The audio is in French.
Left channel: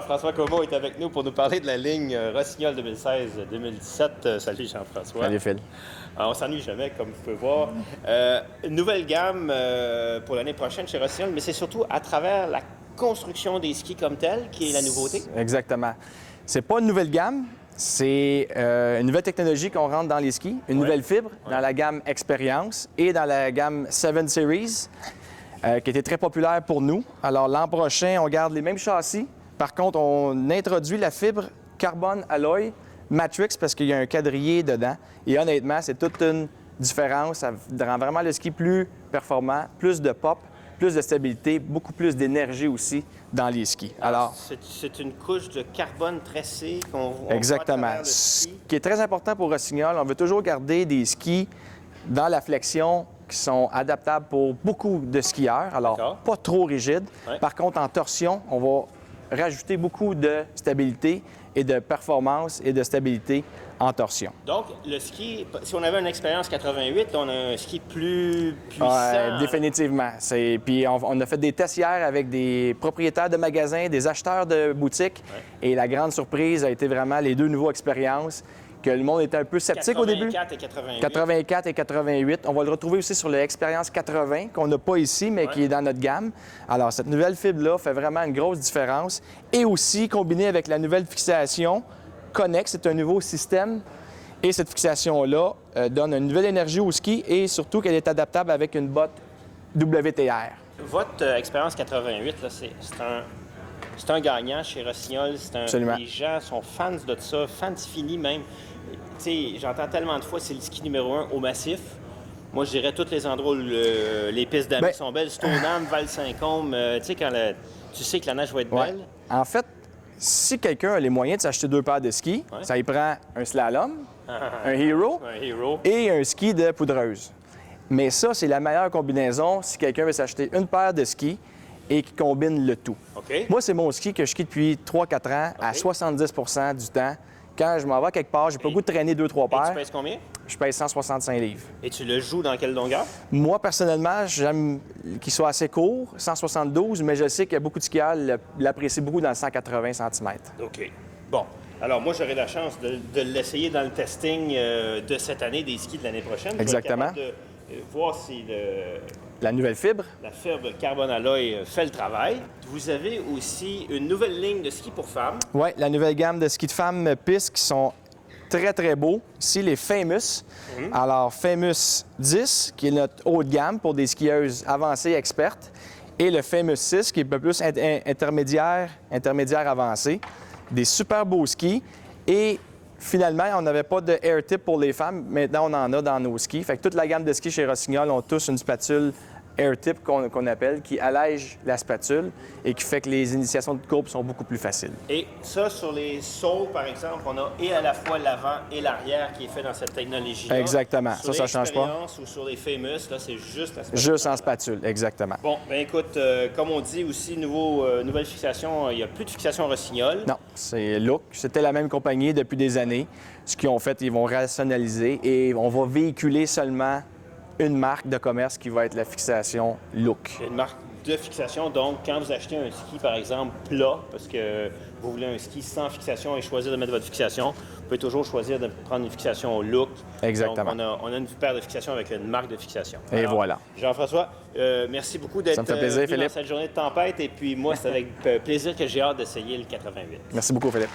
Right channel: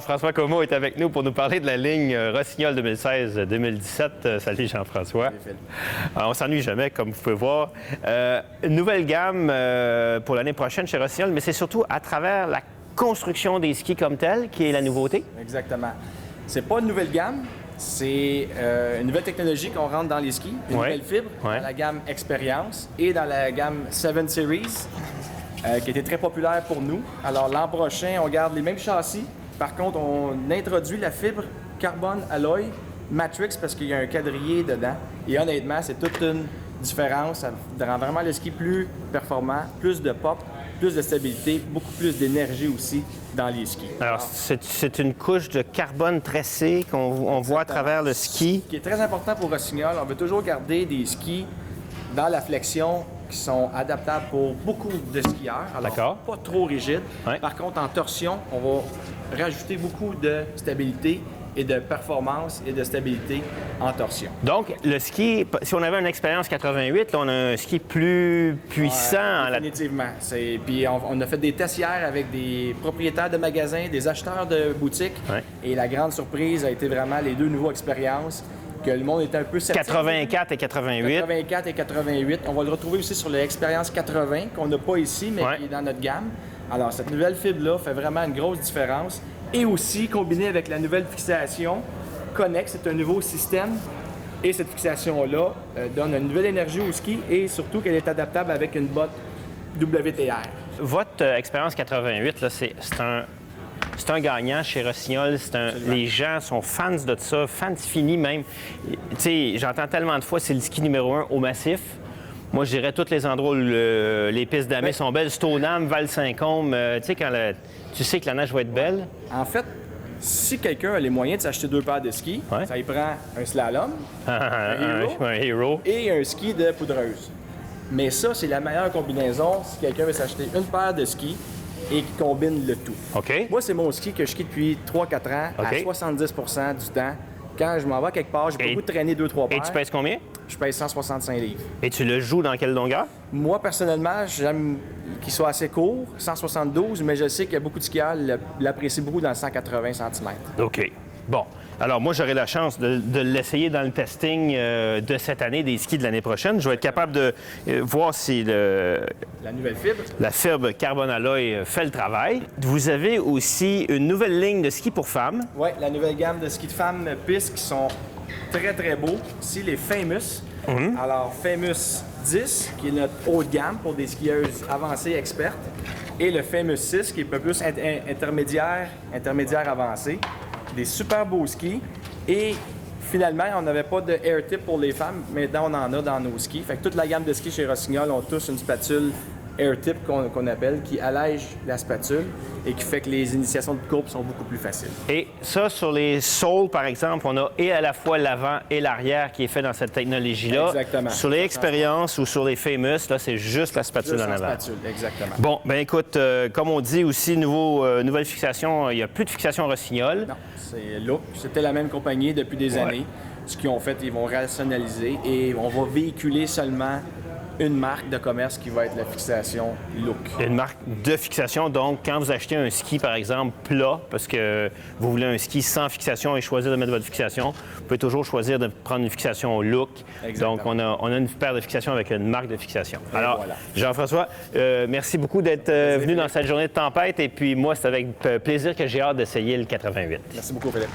Jean-François Comeau est avec nous pour nous parler de la ligne Rossignol 2016-2017. Salut Jean-François. Salut Phil. On s'ennuie jamais, comme vous pouvez voir. Une nouvelle gamme pour l'année prochaine chez Rossignol, mais c'est surtout à travers la construction des skis comme telle qui est la nouveauté. Exactement. C'est pas une nouvelle gamme, c'est une nouvelle technologie qu'on rentre dans les skis, une nouvelle fibre dans la gamme Expérience et dans la gamme 7 Series, qui était très populaire pour nous. Alors l'an prochain, on garde les mêmes châssis. Par contre, on introduit la fibre carbone alloy Matrix parce qu'il y a un quadrillé dedans. Et honnêtement, c'est toute une différence. Ça rend vraiment le ski plus performant, plus de pop, plus de stabilité, beaucoup plus d'énergie aussi dans les skis. Alors c'est une couche de carbone tressé qu'on voit à travers le ski. Ce qui est très important pour Rossignol, on veut toujours garder des skis dans la flexion qui sont adaptables pour beaucoup de skieurs. Alors, pas trop rigides. Ouais. Par contre, en torsion, on va rajouter beaucoup de stabilité et de performance et de stabilité en torsion. Donc, le ski, si on avait une expérience 88, on a un ski plus puissant. Définitivement. Puis on a fait des tests hier avec des propriétaires de magasins, des acheteurs de boutiques. Ouais. Et la grande surprise a été vraiment les deux nouveaux expériences que le monde était un peu sceptique. 84 et 88. 84 et 88. On va le retrouver aussi sur l'expérience 80 qu'on n'a pas ici, mais qui est dans notre gamme. Alors, cette nouvelle fibre-là fait vraiment une grosse différence. Et aussi, combiné avec la nouvelle fixation Connex, c'est un nouveau système. Et cette fixation-là donne une nouvelle énergie au ski et surtout qu'elle est adaptable avec une botte WTR. Votre expérience 88, là, c'est un gagnant chez Rossignol. Les gens sont fans de ça, fans finis même. Tu sais, j'entends tellement de fois, c'est le ski numéro 1 au massif. Moi, je dirais tous les endroits où les pistes d'amis sont belles. Stoneham, Val-Saint-Côme, tu sais, quand tu sais que la neige va être belle. En fait, si quelqu'un a les moyens de s'acheter 2 paires de skis, ça y prend un slalom, un hero et un ski de poudreuse. Mais ça, c'est la meilleure combinaison si quelqu'un veut s'acheter une paire de skis et qui combine le tout. OK. Moi, c'est mon ski que je skie depuis 3-4 ans à 70 du temps. Quand je m'en vais quelque part, j'ai pas le goût de traîner 2-3 paires. Et tu pèses combien? Je pèse 165 livres. Et tu le joues dans quelle longueur? Moi, personnellement, j'aime qu'il soit assez court, 172, mais je sais qu'il y a beaucoup de skieurs qui l'apprécient beaucoup dans le 180 cm. OK. Bon. Alors, moi, j'aurai la chance de l'essayer dans le testing de cette année, des skis de l'année prochaine. Exactement. Je vais être capable de voir si la nouvelle fibre. La fibre carbone alloy fait le travail. Vous avez aussi une nouvelle ligne de skis pour femmes. Oui, la nouvelle gamme de skis de femmes pistes qui sont très, très beaux. Ici, les Famous. Alors, Famous 10, qui est notre haut de gamme pour des skieuses avancées expertes. Et le Famous 6, qui est un peu plus intermédiaire avancé. Des super beaux skis. Et finalement, on n'avait pas de air tip pour les femmes. Maintenant, on en a dans nos skis. Fait que toute la gamme de skis chez Rossignol ont tous une spatule air tip qu'on appelle, qui allège la spatule et qui fait que les initiations de courbe sont beaucoup plus faciles. Et ça, sur les soles, par exemple, on a et à la fois l'avant et l'arrière qui est fait dans cette technologie-là. Exactement. Sur les expériences ou sur les famous, là, c'est juste la spatule. Juste en spatule, exactement. Bon, bien écoute, comme on dit aussi, nouvelle fixation, il n'y a plus de fixation Rossignol. Non, c'est Look. C'était la même compagnie depuis des années. Ce qu'ils ont fait, ils vont rationaliser et on va véhiculer seulement une marque de commerce qui va être la fixation Look. Une marque de fixation, donc quand vous achetez un ski, par exemple, plat, parce que vous voulez un ski sans fixation et choisir de mettre votre fixation, vous pouvez toujours choisir de prendre une fixation Look. Exactement. Donc, on a une paire de fixation avec une marque de fixation. Et alors, voilà. Jean-François, merci beaucoup d'être venu dans cette journée de tempête. Et puis moi, c'est avec plaisir que j'ai hâte d'essayer le 88. Merci beaucoup, Philippe.